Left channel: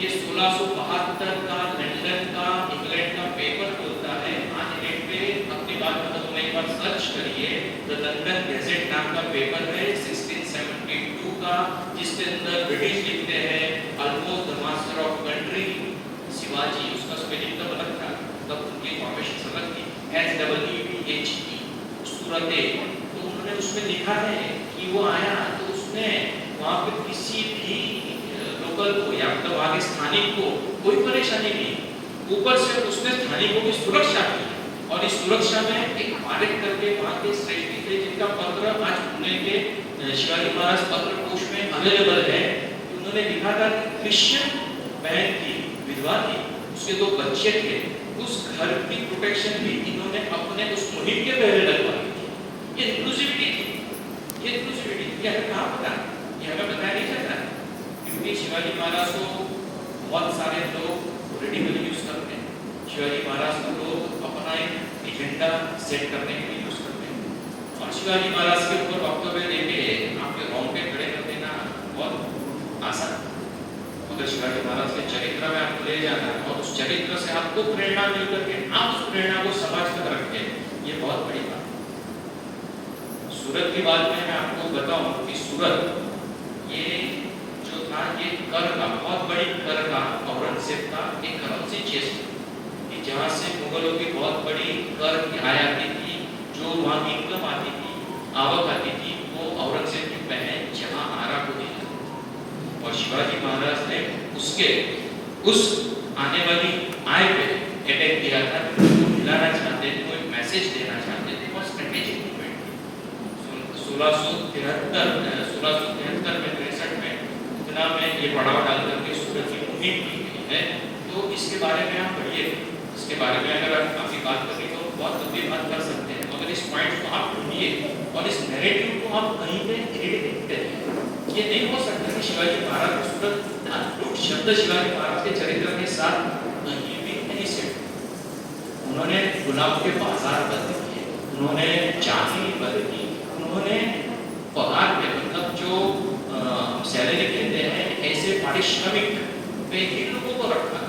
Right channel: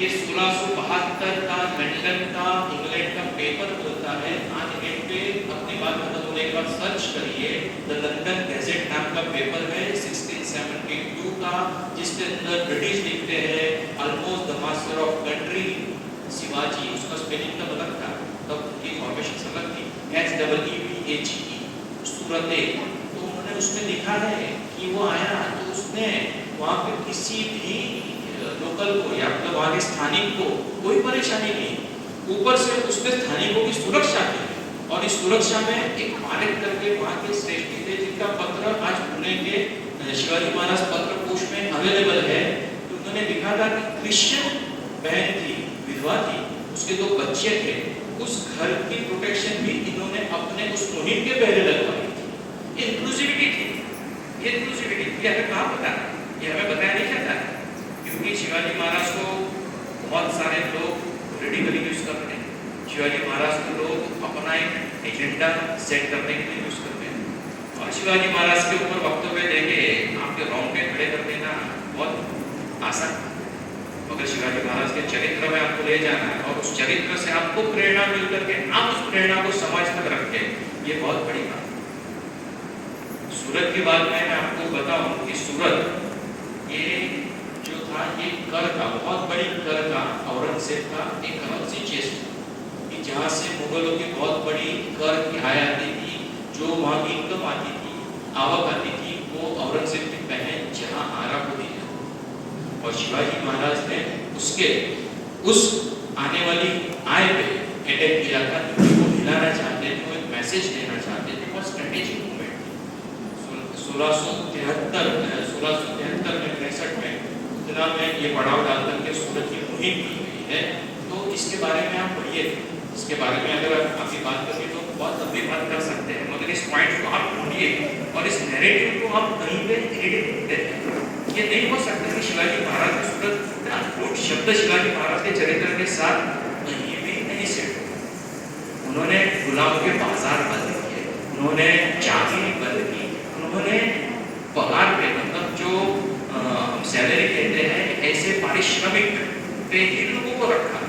ये 1672 का लंदन का इंग्लैंड का पेपर होता है। आज नेट पे अपनी बात खत्म होने के बाद सर्च करिए, द लंदन गैजेट नाम का पेपर है 1672 का, जिसके अंदर ब्रिटिश लिखते हैं almost the master of country Shivaji, उसका स्पेलिंग तब अलग था, तब उनकी फॉर्मेशन अलग थी, SWVHE सूरत। तो उन्होंने उसमें लिखा है कि वो आया तो उसने वहाँ पे किसी भी लोकल को या मतलब वहाँ के स्थानिक को कोई परेशानी नहीं, ऊपर से उसने स्थानिकों की सुरक्षा की। और इस सुरक्षा में एक मालिक करके वहाँ के श्रेष्ठी थे, जिनका पत्र आज पुणे के शिवाजी महाराज पत्र कोश में अवेलेबल है। उन्होंने लिखा था कि क्रिश्चियन बहन थी, विधवा थी, उसके 2 बच्चे थे, उस घर की प्रोटेक्शन भी इन्होंने अपने उस मुहिम के पहले लगवाई थी। ये इंक्लूसिविटी थी, ये इंक्लूसिविटी ये हमें कहाँ पता, ये हमें बताया नहीं जाता, क्योंकि शिवाजी महाराज को बहुत सारे लोग पॉलिटिकली यूज करते हैं, शिवाजी महाराज को लोग अपना एक एजेंडा सेट करने के लिए यूज करते हैं। और शिवाजी महाराज के ऊपर वक्तव्य लेके आपके रोंगटे खड़े कर देना बहुत आसान, मगर शिवाजी महाराज के चरित्र में आपको ले जाना और उस चरित्र से आपको प्रेरणा मिल करके आप उस प्रेरणा को समाज तक रखते हैं, ये बहुत बड़ी बात। सूरत की बात में मैं आपको बताऊं कि सूरत ये जो था, ये कर का बहुत बड़ी कर का औरंगजेब का एक करेंसी चेस्ट कि जहाँ से मुगलों की बहुत बड़ी कर की आय आती थी, जो वहाँ की इनकम आती थी, आवक आती थी, वो औरंगजेब की बहन जहाँ आरा को दी जाती। और शिवाजी महाराज ने उसके उस आने वाली आय पे अटैक किया था, वो दिलाना चाहते थे, वो एक मैसेज देना चाहते थे, और स्ट्रेटेजिक मूवमेंट 1673 में 63 में इतना में ये पड़ाव डाल करके सूरत की मुहिम की गई है। तो इसके बारे में आप पढ़िए, इसके बारे में अगर आपकी बात करें तो बहुत लंबी बात कर सकते हैं, मगर इस पॉइंट को आप ढूंढिए और इस नैरेटिव को आप कहीं पे एडिट करते हैं। ये नहीं हो सकता कि शिवाजी महाराज की सूरत शब्द शिवाजी महाराज के चरित्र के साथ कहीं भी नहीं सेट। उन्होंने गुलाम के बाजार बंद किए, उन्होंने चांदी बंद की, उन्होंने पगार पे मतलब जो सैलरी कहते हैं ऐसे पारिश्रमिक पे ही लोगों को रखा।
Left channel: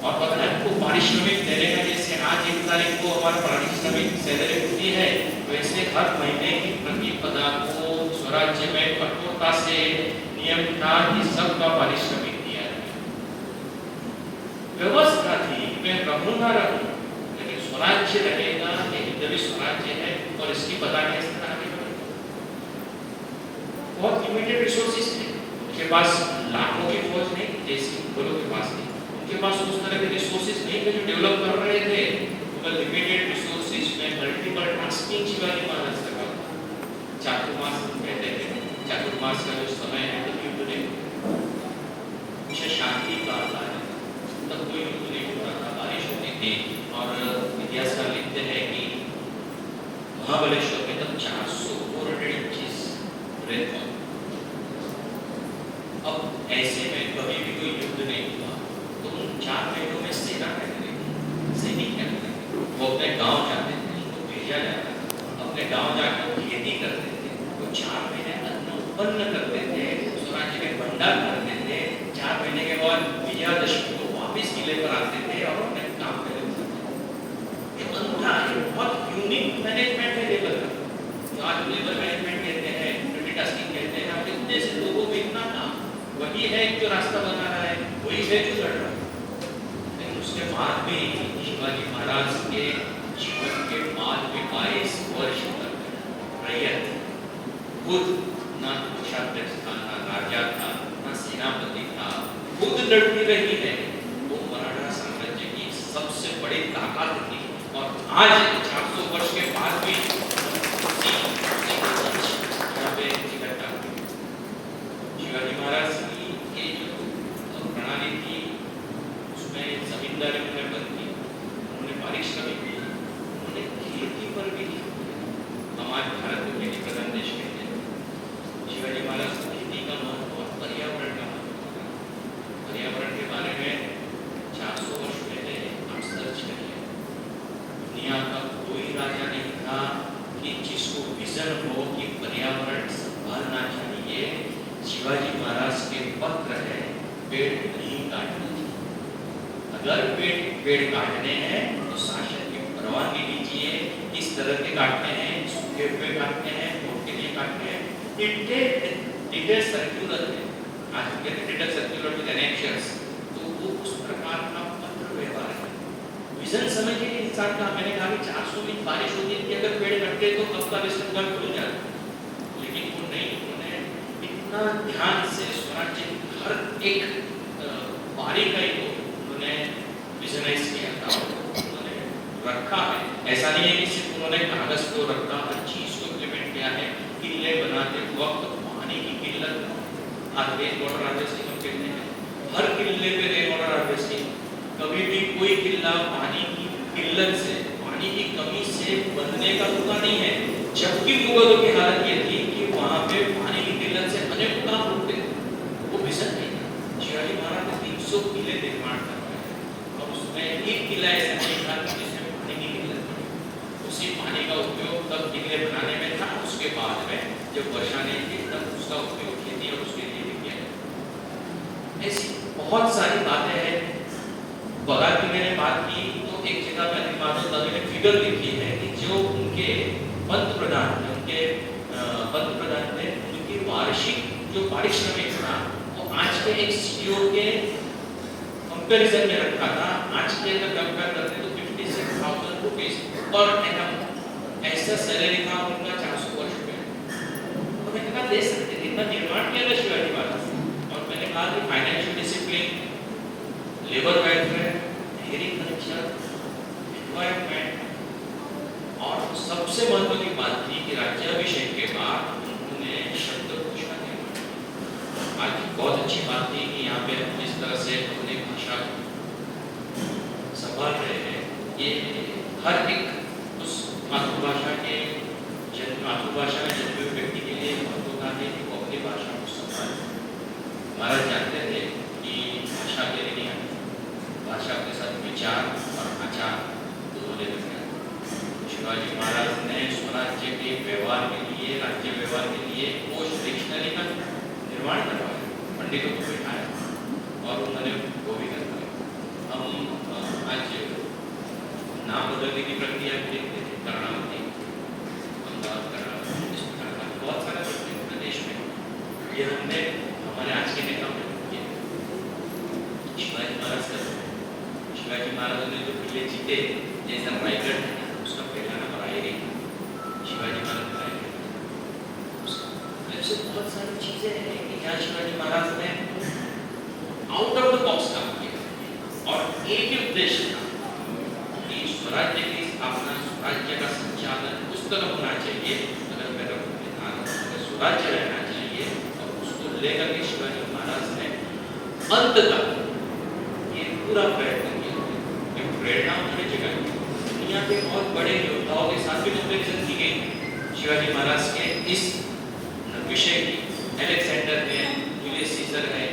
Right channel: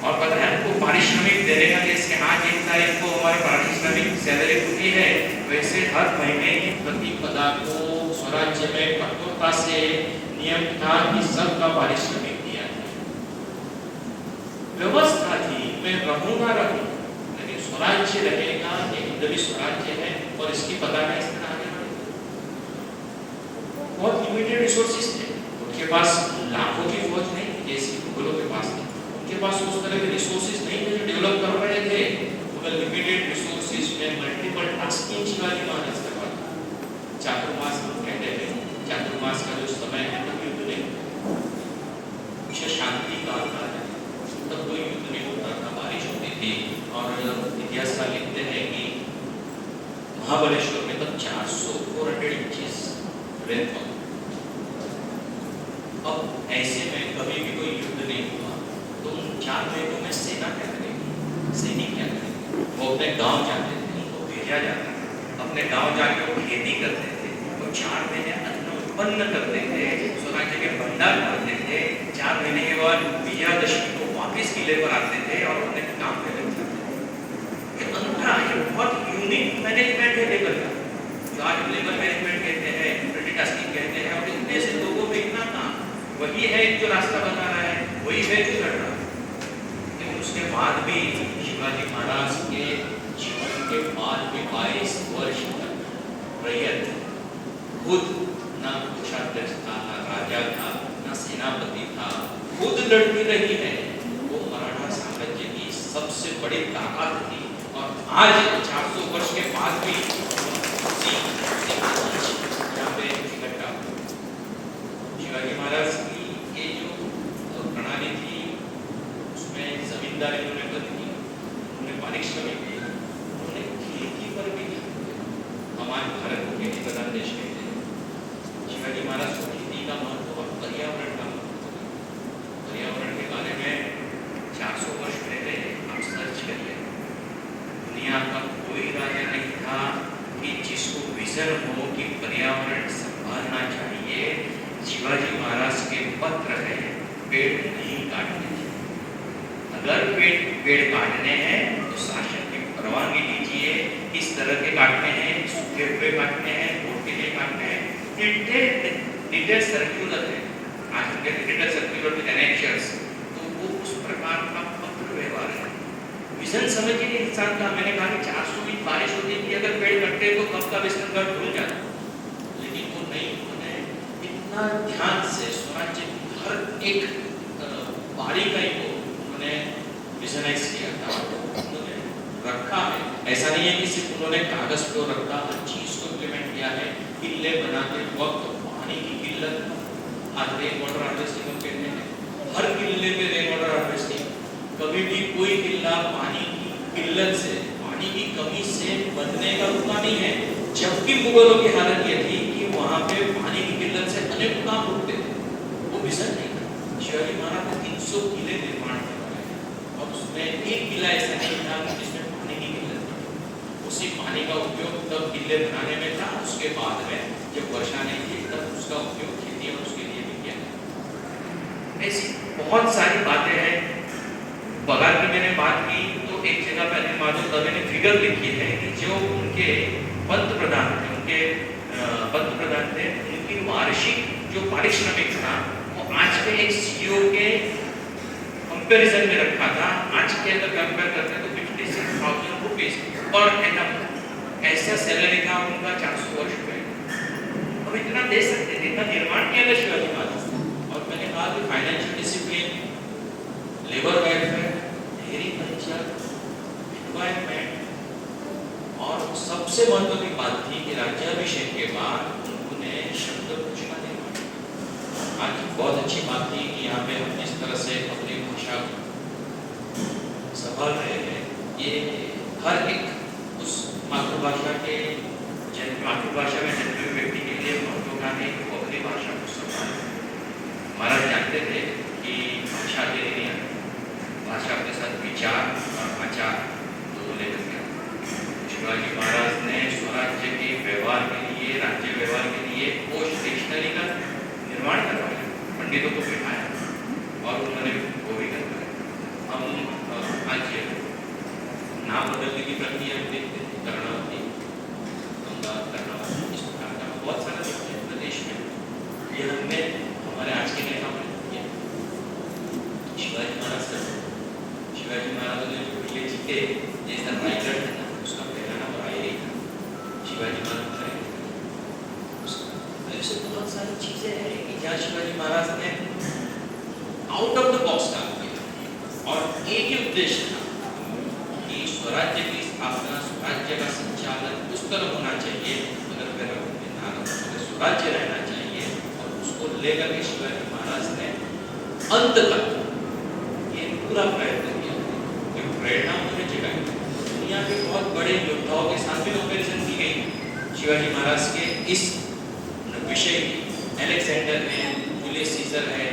और पता है उनको पारिश्रमिक देने का, जैसे आज 1 तारीख को हमारे पारिश्रमिक सैलरी होती है, वैसे हर महीने की प्रतिपदा को स्वराज्य में कठोरता से नियम था कि सबका पारिश्रमिक दिया जाए। व्यवस्था थी, मैं रहूं ना रहूं, लेकिन स्वराज्य लगेगा, ये हिंदवी स्वराज्य है और इसकी पताका इस तरह आगे बढ़ेगी। बहुत लिमिटेड रिसोर्सेज थे, उनके पास लाखों की फौज नहीं जैसी मुगलों के पास थी, उनके पास उस तरह के रिसोर्सेज नहीं थे जो डेवलप कर रहे थे। उन्हें लिमिटेड रिसोर्सेज में मल्टीपल टास्किंग शिवाजी महाराज करवाते। चातुर्मास कहते हैं, चातुर्मास का जो समय है तो युद्ध नहीं होता, शांति काल था तब कोई युद्ध नहीं होता था, बारिश होती थी। और इतिहासकार लिखते हैं कि महाबलेश्वर में तब 400 इंचेस रेनफॉल। अब ऐसे में कभी भी कोई युद्ध नहीं हुआ तो उन 4 महीनों में सेना क्या करेगी, सैनिक क्या करेंगे? वो अपने गांव जाते थे, उनको भेजा जाता था, अपने गांव जाकर वो खेती करते थे, वो 4 महीने अन्न उत्पन्न करते थे, स्वराज्य के भंडार करते थे। 4 महीने के बाद विजयादशमी को वापिस किले पर आते थे और अपने काम पे लग जाते थे। ये अंतरा, ये बहुत यूनिक मैनेजमेंट है लेबर का, जो आज लेबर मैनेजमेंट कहते हैं, मल्टीटास्किंग कहते हैं। और इतने से लोगों में इतना काम, वही है जो रास्ता बना रहा है, वही है जो लड़ रहा है। लेकिन उसके बाद भी शिवाजी महाराज के जीवन के बाद भी 22 वर्ष तक रैयत खुद ना कोषाध्यक्ष था, ना राजा था, ना सेनापति था, खुद लड़ती रही है। वो मराठा साम्राज्य की सबसे बड़ी ताकत थी। और आज 400 वर्ष के बाद भी शिवाजी महाराज की ये जो प्रणाली थी उसमें जमींदारी उन्होंने बंद की, उन्होंने पारिश्रमिक दी, उन्होंने खेती पर भी हमारे भारत को खेती प्रधान देश कहते हैं। शिवाजी महाराज को खेती का महत्व और पर्यावरण का महत्व, पर्यावरण के बारे में 400 वर्ष पहले आप सर्च करिए, दुनिया का कोई राजा नहीं था कि जिसको विजन हो कि पर्यावरण संभालना चाहिए। शिवाजी महाराज के पत्र है, पेड़ नहीं काटने चाहिए। अगर पेड़ काटने हैं तो शासन की परवानगी लीजिए, किस तरह के काटने हैं, सूखे हुए काटने हैं, मोटे में काटने हैं, डिटेल सर्क्यूलर है, आज के डिटेल सर्क्यूलर विद एनेक्शंस, तो वो उस प्रकार का पत्र व्यवहार है। विजन समझिए इंसान का, मैंने कहा कि 400 दिन बारिश होती थी, अगर पेड़ कटते तो कब का विजन गढ़ खुल जाता, लेकिन वो नहीं, उन्होंने इतना ध्यान से स्वराज्य की हर एक बारीकाई को उन्होंने विजनाइज किया था, उन्होंने रखा है। ऐसा नहीं है कि सिर्फ उन्होंने कागज को रखा, हर चीज को इम्प्लीमेंट किया है। किले बनाते वक्त पानी की किल्लत, आज रेन वाटर हार्वेस्टिंग हम कहते हैं, हर किले पे रेन वाटर हार्वेस्टिंग, कभी भी कोई किला पानी की किल्लत से, पानी की कमी से बनने का रुका नहीं है, जबकि मुगलों की हालत ये थी कि वहां पे पानी की किल्लत से अनेक काम रुकते थे, वो विजन नहीं था। शिवाजी महाराज ने 300 किले निर्माण करवाए, अब उसमें एक किला ऐसा नहीं था जिसमें पानी की किल्लत थी, उसी पानी का उपयोग तब किले बनाने में था, उसके बाद में जब वर्षा नहीं थी तब उसका उपयोग खेती और उसके लिए किया। ऐसी बहुत सारी बातें हैं। बगाल की मैंने बात की तो एक जगह पे अनिल माधव दवे ने फिगर लिखी है कि जो उनके पंत प्रधान थे, उनकी वार्षिक जो पारिश्रमिक था वो आज के एक सीईओ के कंपैरिजन में रखा था। आज के अगर कंपेयर करते तो 56,000 रुपीस पर एनम ऐसा सैलरी था उनका 400 वर्ष में। अब इतना दे सकते थे, इतना निर्माण किया था शिवाजी महाराज। और मैंने कहा कि financial discipline, labour welfare, agriculture, environment, और सबसे महत्व की बात थी कि राज्याभिषेक के बाद उन्होंने शब्द घोषणा निर्माण। आज बहुत अच्छी बात थी कि यहाँ पे हम जिस तरह से अपनी भाषा संभाल रहे हैं, ये हर एक उस मातृभाषा में जन्मे हुए व्यक्ति के लिए महत्वपूर्ण है कि वो अपनी भाषा को संभाले। महाराज जानते थे कि भाषा के लिए भाषा के साथ विचार और आचार दोनों लेकर के शिवाजी महाराज ने स्वराज्य के व्यवहार के लिए, राज्य व्यवहार के लिए कोश डिक्शनरी का निर्माण करवाया, पंडितों को बिठाया और उन्होंने वो भी करवाया। हम आज नाम बदलने की प्रक्रिया देखते थे, कर्णावती, अहमदाबाद, कर्णावती, इस प्रकार का बहुत सारा प्रदेश में ये हमने हमारे आज के नेता किया। शिवाजी महाराज ने जो किले जीते, जैसा रायगढ़ है ना, उसका पहला नंबर आएगा ही शिवाजी महाराज का है। ऐसे बहुत सारी चीजें हैं कि जहाँ शिवाजी महाराज ने आउट ऑफ द बॉक्स काम किया और एक ही उद्देश्य था कि स्वराज्य की स्थापना, स्वराज्य का संचालन उस तरह होना चाहिए, अगर स्वराज्य रहना चाहिए, और उसको लेकर के शिवाजी महाराज ने अंत तक ये पूरा प्रयत्न किया। प्रेरणा उन्होंने जगाई। दुनिया के बहुत बड़े योद्धाओं के साथ भी कंपैरिजन की गई शिवाजी महाराज के इस विषय की। अलेक्जेंडर है, जूलियस सीजर है,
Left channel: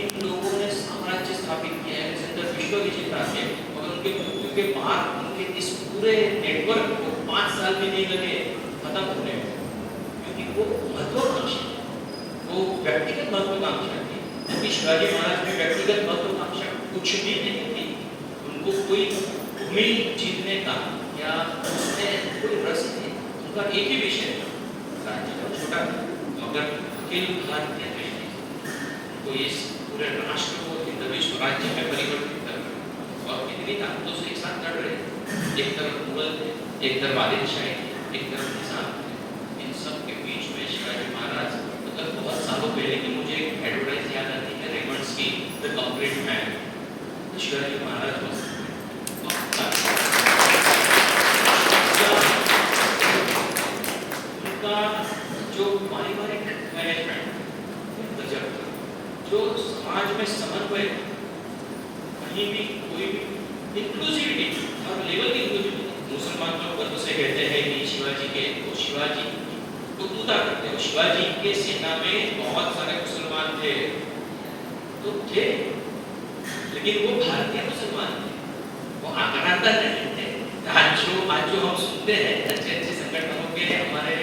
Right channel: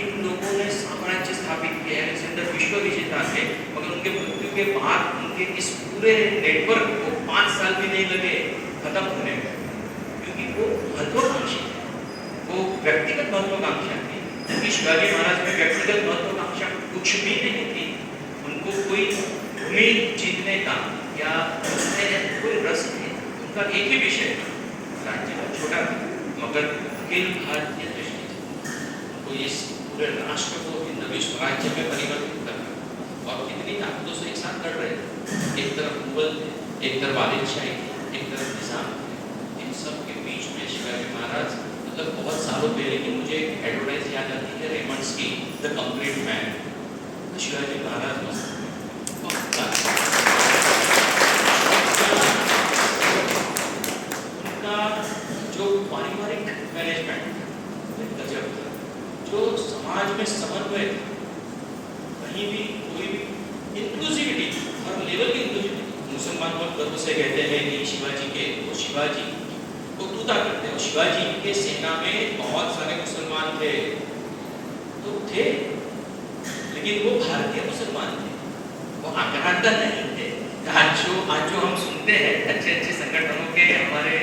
इन लोगों ने साम्राज्य स्थापित किया। अलेक्जेंडर विश्व विजेता थे, मगर उनके मृत्यु के बाद उनके इस पूरे नेटवर्क को 5 साल भी नहीं लगे खत्म होने में, क्योंकि वो महत्वाकांक्षी थे, वो व्यक्तिगत महत्वाकांक्षा थी। जबकि शिवाजी महाराज में व्यक्तिगत महत्वाकांक्षा कुछ भी नहीं थी, उनको कोई भूमि जीतने का या कोई रस नहीं, उनका एक ही विषय था, राज्य का छोटा मगर अखिल भारतीय दृष्टि से उनको इस पूरे राष्ट्र को हिंदवी स्वराज्य में परिवर्तित करना, और इतनी ताकतों से एक साथ लड़ रहे थे। एक तरफ मुगल, एक तरफ आदिलशाही, एक तरफ निजाम, इन सब के बीच में शिवाजी महाराज, मतलब बहुत सालों पहले की मुझे एक एडवर्टाइज याद आती है रेमंड्स की, the complete man. Shivaji Maharaj उनका जो पारिवारिक मैनेजमेंट गजब, जो समाज में समन्वय, कहीं भी कोई भी इंक्लूसिविटी, हर लेवल की इंक्लूसिविटी। मुसलमान लोग गर्व से कहते हैं कि शिवाजी के, वो शिवाजी को तूता करते हैं। शिवाजी के सेना में बहुत सारे मुसलमान थे, तो थे, लेकिन वो भारतीय मुसलमान थे, वो आक्रांता नहीं थे। आज जो हम सुनते हैं अच्छे अच्छे संगठनों के हमारे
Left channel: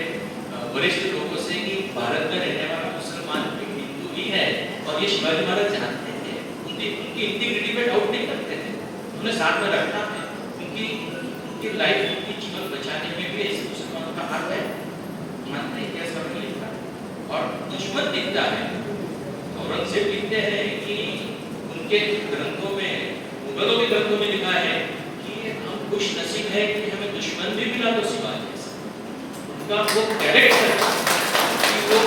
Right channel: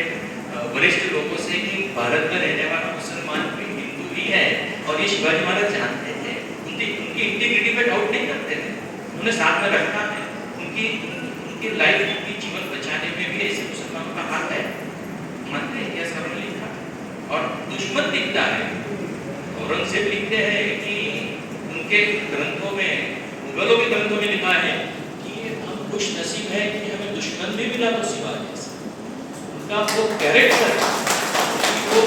वरिष्ठ लोगों से कि भारत में रहने वाला मुसलमान हिंदू ही है, और ये शिवाजी महाराज जानते थे, उनकी इंटीग्रिटी पे डाउट नहीं करते थे। उन्हें साथ में रखना है, उनकी उनकी लाइफ, उनकी जीवन बचाने में भी ऐसे मुसलमानों का हाथ है, मानते हैं, यह सबने लिखा। और दुश्मन लिखता है, औरंगजेब लिखते हैं कि उनके ग्रंथों में, मुगलों के ग्रंथों में लिखा है कि हम खुश नसीब है कि हमें दुश्मन भी मिला तो शिवाजी से। उनका वो कैरेक्टर कि वो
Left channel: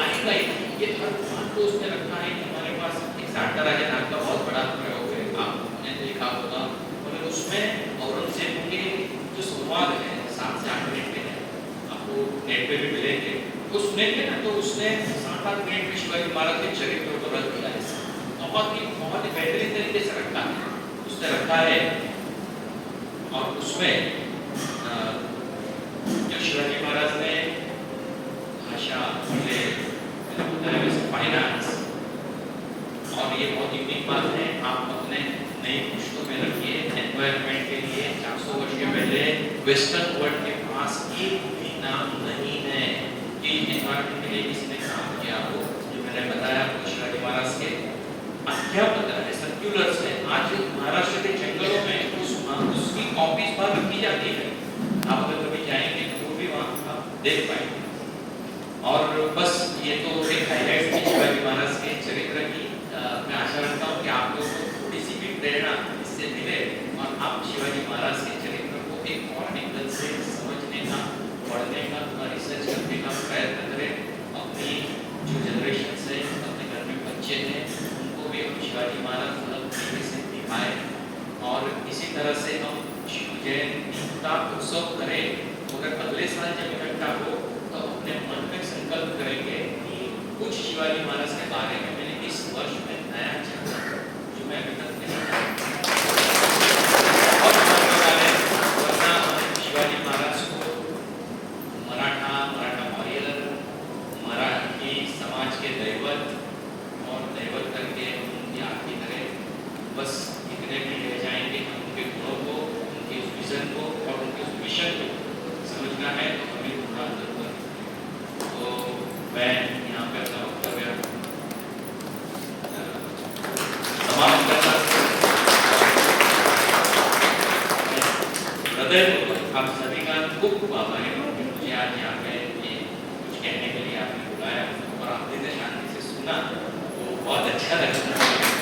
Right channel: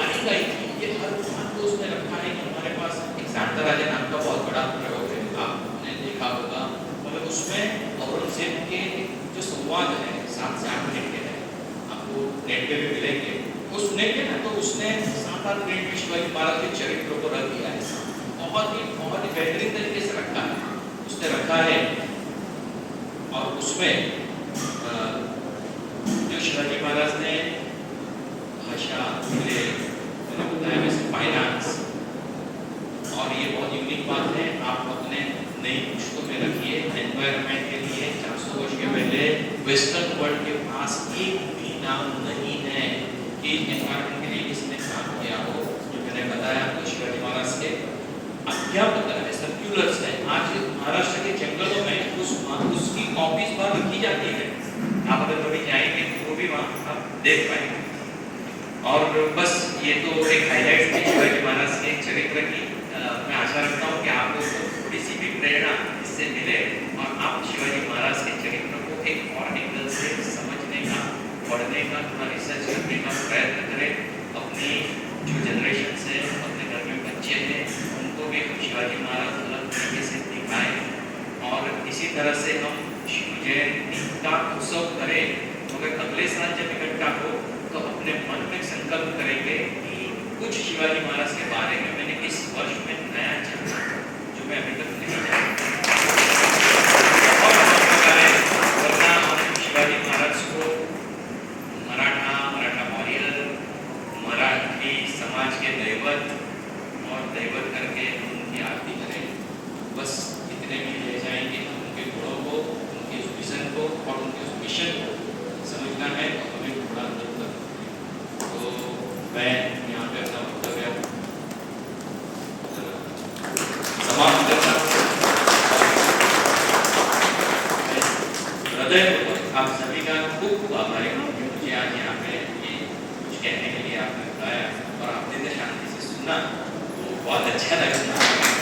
आएगा ही, ये हर बात को उसने रखा है कि हमारे पास एक शांता राजा नाम का बहुत बड़ा प्रयोग है, आपने देखा होगा, और उसमें औरंगजेब के जो संवाद है 7 से 8 मिनट के हैं, आपको नेट पे भी मिलेंगे, वो सुनेंगे ना, तो उसने 7-8 मिनट में शिवाजी महाराज के चरित्र को रख दिया है, बहुत ही बेहतरीन तरीके से रखा है, उसने रखा है। और उसमें शिवाजी महाराज ने भाषा, मैंने बताया वैसे फाइनेंस, और ये बहुत यूनिक बात है, आप अपने नई पुस्तकों में रखिए, एनवायरनमेंट के लिए 400 वर्ष के पहले वेस्टर्न वर्ल्ड के पास एक भी नाम नहीं है कि एनवायरनमेंट के लिए किसने काम किया हो। जो मैंने बताया तो शिवाजी महाराज के अध्यापक है, सर्कुलर्स है, आज महाराष्ट्र के जंगलों में उसकी कॉपीज बाहर रखी जाती है, आप अगर कभी जाएंगे तो भी वहाँ आप देख पाएंगे। और बस ये तो एक हाईलाइट थी शिवाजी महाराज के चरित्र की। मैं आशा रखता हूँ कि आप लोग को थोड़ी सी भी प्रेरणा इससे मिले और आप शिवाजी महाराज के चरित्र को एक और एंगल से समझने का, पढ़ने का, थोड़ा रिसर्च करने का प्रयत्न करें। अपनी जो जनरेशन है, अपने घर में बच्चे हैं, उनको भी शिवाजी महाराज अलग तरीके से दिखाएं और इसी तरह से हम शिव जयंती का उत्सव करें। मगर अगले साल जब इकट्ठा हो तो अपने मन में संकल्प करेंगे कि कुछ शिवाजी महाराज के बारे में मैंने इस वर्ष में नया जाना जो मैं अभी तक नहीं जानता। और वरना हम शिवाजी महाराज को मराठा वॉरियर, मराठी समाज के दैवत और दैवत करके हम उनकी आरती करें। बस इतने भी ले जाएंगे, हम उनके गुणों को, उनके विजन को और उनके मिशन को समझना है तो हमें थोड़ा जरूरत है। तो मैं यहाँ पे अपना वक्तव्य समाप्त करता हूँ। हृदय आप सभी का खूब आभारी हूँ कि मुझे आज यहाँ पे कुछ कहने के लिए आपने बुलाया और आपने शांति से सुना, वो बहुत अच्छा लगा।